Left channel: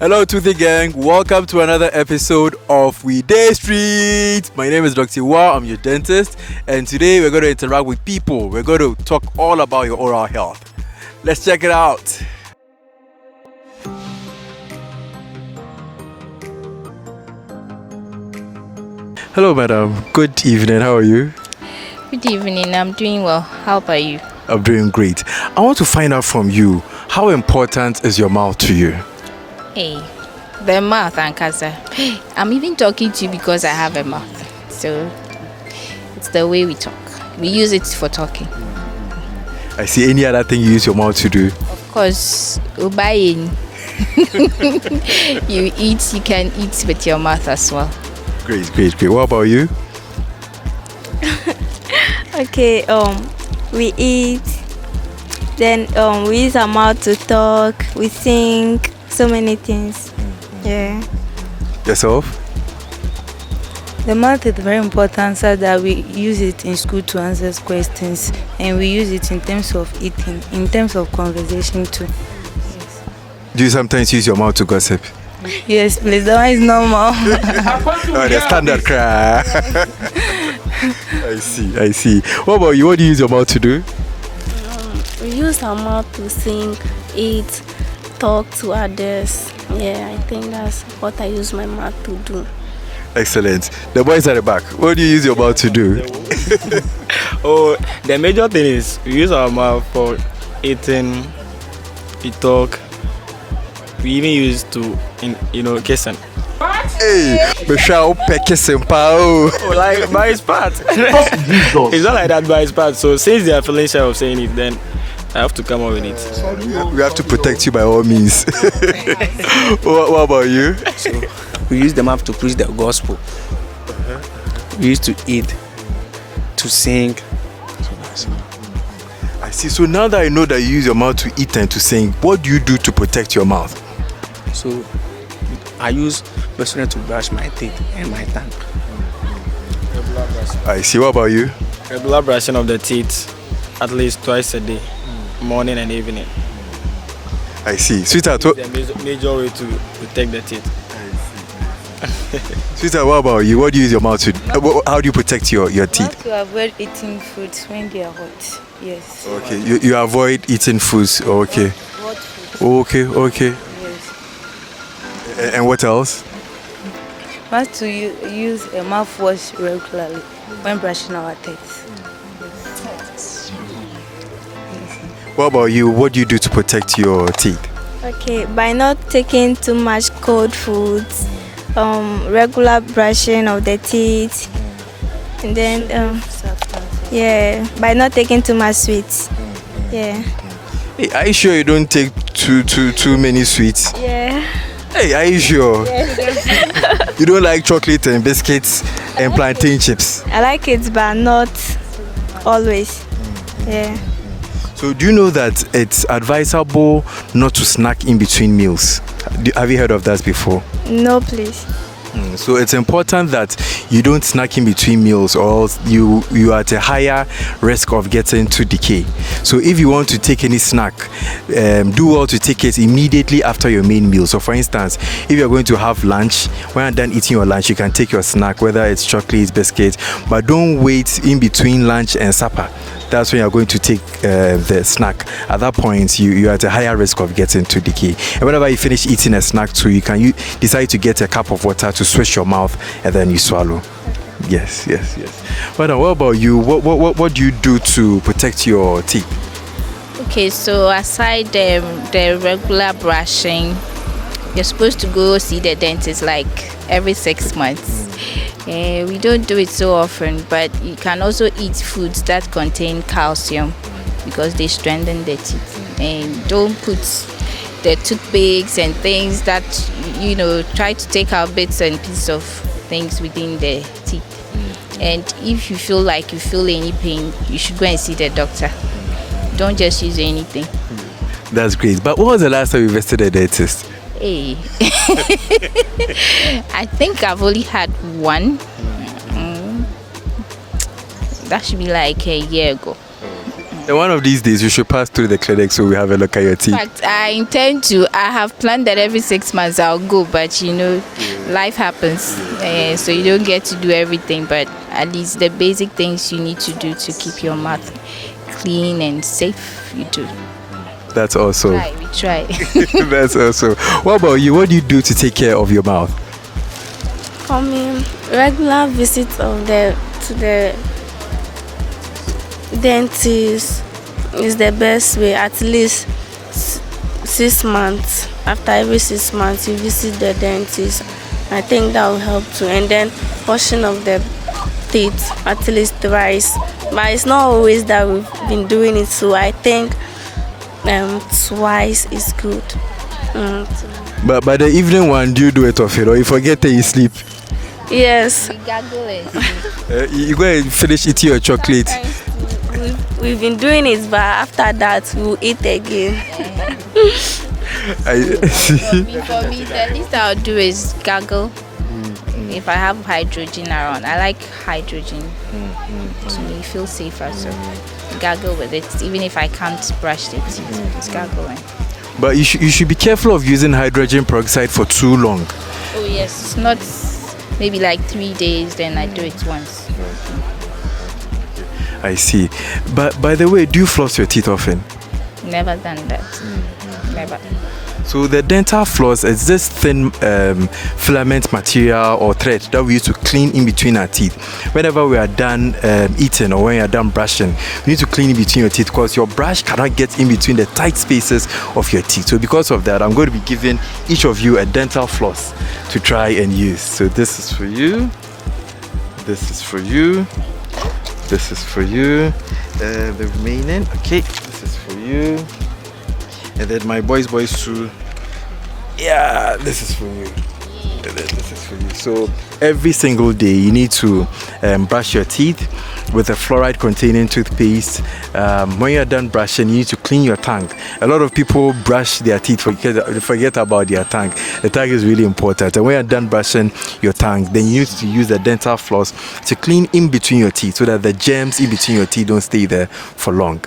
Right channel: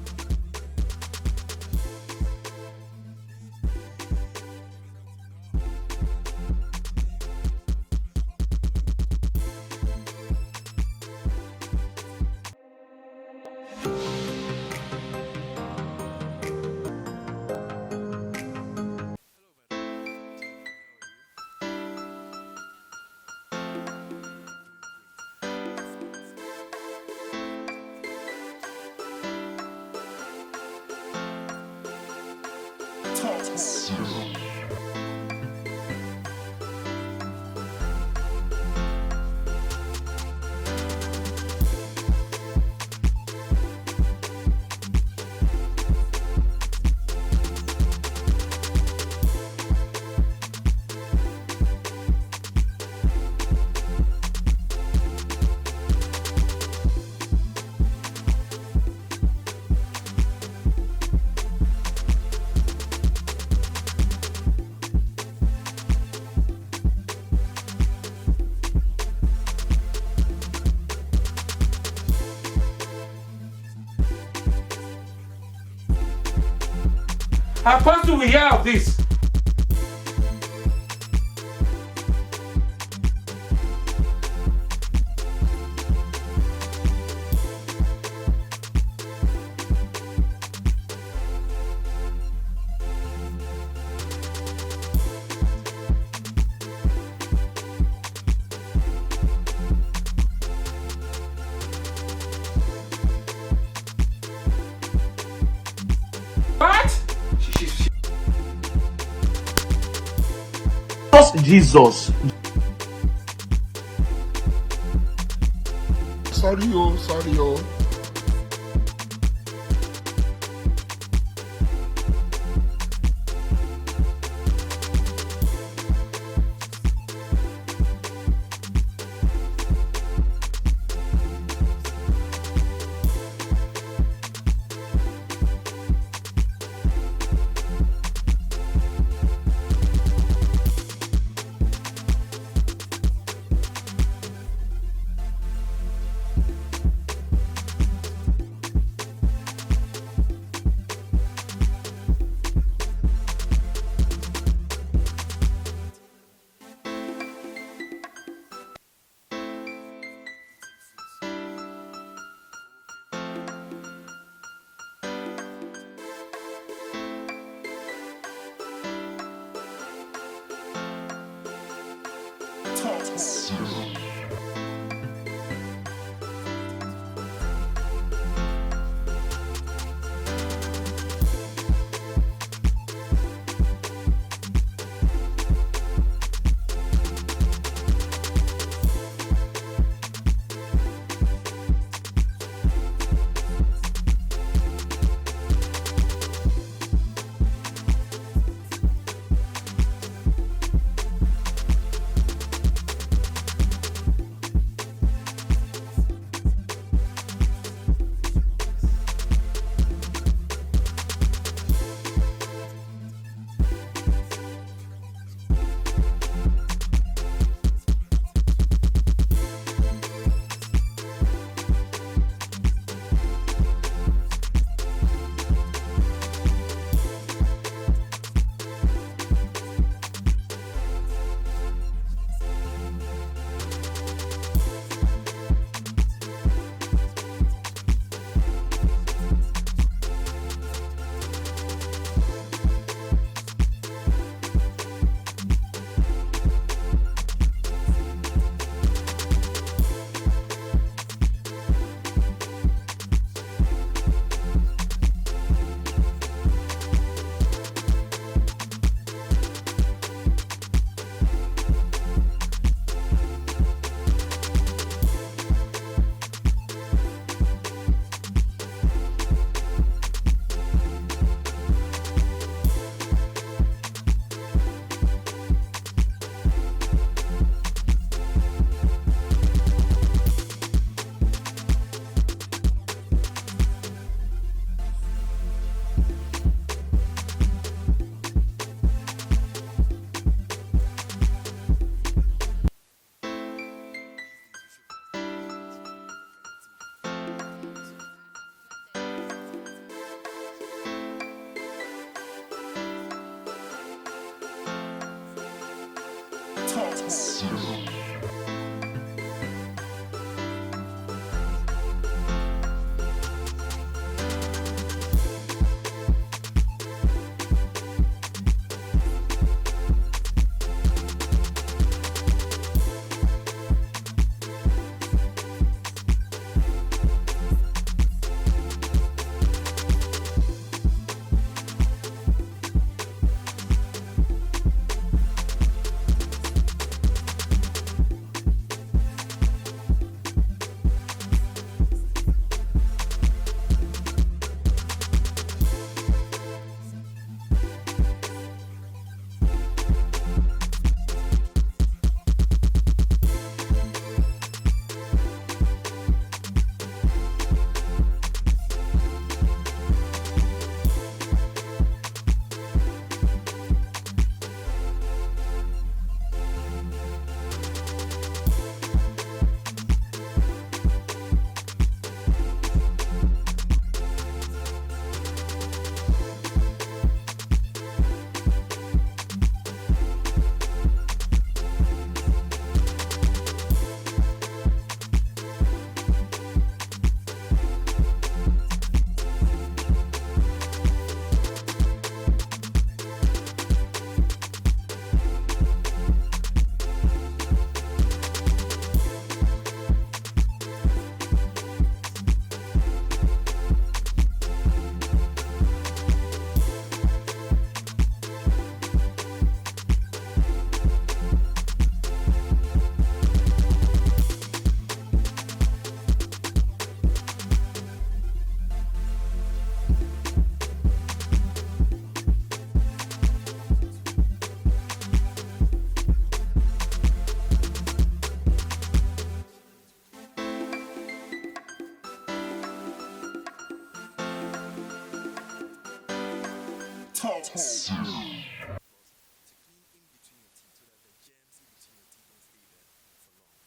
Hello, Toothy Gang. Welcome to another episode of We Day Street. My name is Dr. Awua. I'm your dentist. And today we're going to interact with people. We're going to talk all about your oral health. Let's check it out. Hello, madam. Good evening. How are you? Good evening. I'm doing well. How about you? I'm doing great. I want to find out from you, how important is your mouth to you? Hey, the mouth, Ankasa. I'm even talking to you because I have a mouth. So it's the way we talk. We use it for talking. I see. Any other thing you use your mouth to do? Of course, ubayin. You can eat with your mouth as well. Great. What about you? Okay, we eat, then we use our mouth to talk, we sing, so many things. Yeah. Yourself? The mouth is very important so that we use it in school to answer questions, and we use it in terms of eating, in terms of conversation too. Do you sometimes use your mouth to gossip? Yes, please, that one is normal. Standard cry. I see. What about you? What do you use your mouth to do? We use our mouth to sing, eat, talk to others. Yeah, I think that's what I use my mouth to do. Excellent. The boys at the back, what do you use your mouth to do? The major thing is we use our mouth for eating, we talk. We even use to, kissing. What? Hey, we shall peck kissing, pal. Like by his part. Jesus. It's not like that by his part. So since they are feeling shy of saying it, then I have to come up with it. We have to protect you by all means. What about you? So we use the mouth to preach the gospel. We used to eat, to sing. I see. So now that I know that you use your mouth to eat and to sing, what do you do to protect your mouth? So I use personally to brush my teeth and my tongue. I see. What about you? Regular brushing of the teeth at least twice a day, morning and evening. I see. Sweetheart, the major way to protect the teeth. Sweetheart, what about you? What do you use your mouth to do? How do you protect your teeth? To avoid eating fruits when they are hot. Yes. Okay. You avoid eating foods. Okay. Hot food. Okay. Yes. And what else? Must to use a mouthwash regularly when brushing our teeth. What about you? What do you do to protect your teeth? Okay, by not taking too much cold foods, regular brushing of the teeth, and then by not taking too much sweets. Yeah. Hey, are you sure you don't take too many sweets? Yeah. Hey, are you sure? Yes. You don't like chocolate and biscuits and plantain chips? I like it, but not always. Yeah. So do you know that it's advisable not to snack in between meals? Have you heard of that before? No, please. So it's important that you don't snack in between meals, or else you are at a higher risk of getting to decay. So if you want to take any snack, do well to take it immediately after your main meal. So for instance, if you're going to have lunch, when you're done eating your lunch, you can take your snack, whether it's chocolate, biscuits, but don't wait in between lunch and supper. That's when you're going to take the snack. At that point, you're at a higher risk of getting to decay. And whenever you finish eating a snack too, you decide to get a cup of water to swish your mouth, and then you swallow. Yes. But what about you? What do you do to protect your teeth? Okay, so aside the regular brushing, you're supposed to go see the dentist like every 6 months. We don't do it so often, but you can also eat foods that contain calcium because they strengthen the teeth. And don't put the toothpicks and things that, try to take out bits and pieces of things within the teeth. And if you feel like you feel any pain, you should go and see the doctor. Don't just use anything. That's great. But when was the last time you visited a dentist? Hey. I think I've only had one. That should be like a year ago. And one of these days, you should pass through the clinic so we have a look at your teeth. In fact, I intend to. I have planned that every 6 months I'll go, but life happens, so you don't get to do everything. But at least the basic things you need to do to keep your mouth clean and safe, you do. That's also. We try. That's also. What about you? What do you do to take care of your mouth? For me, regular visits to the dentist is the best way. At least 6 months. After every 6 months, you visit the dentist. I think that will help too. And then washing of the teeth at least twice. But it's not always that we've been doing it, so I think twice is good. But by the evening one, do you do it often, or you forget that you sleep? Yes. We gargle it. You go and finish eating your chocolate. We've been doing it, but after that, we'll eat again. For me, the least I'll do is gargle. If I have hydrogen around, I like hydrogen. To me, feel safer, so gargle with it. Even if I can't brush the teeth, it's gargling. But you should be careful of using hydrogen peroxide for too long. Oh yes, it's not maybe like 3 days, then I do it once. I see. But by the way, do you floss your teeth often? Never done that. Never. So the dental floss is this thin filament material or thread that we use to clean in between our teeth. Whenever we are done eating or when you are done brushing, you need to clean in between your teeth because your brush cannot get in between the tight spaces of your teeth. So because of that, I'm going to be giving each of you a dental floss to try and use. So this is for you. This is for you. This is for you. The remaining, okay, this is for you. And then my boys too. Yeah, this is for you. And then this is for you. So every single day you need to brush your teeth with a fluoride containing toothpaste. When you're done brushing, you need to clean your tongue. A lot of people brush their teeth, forget about their tongue. The tongue is really important. And when you're done brushing your tongue, then you need to use the dental floss to clean in between your teeth so that the germs in between your teeth don't stay there for long.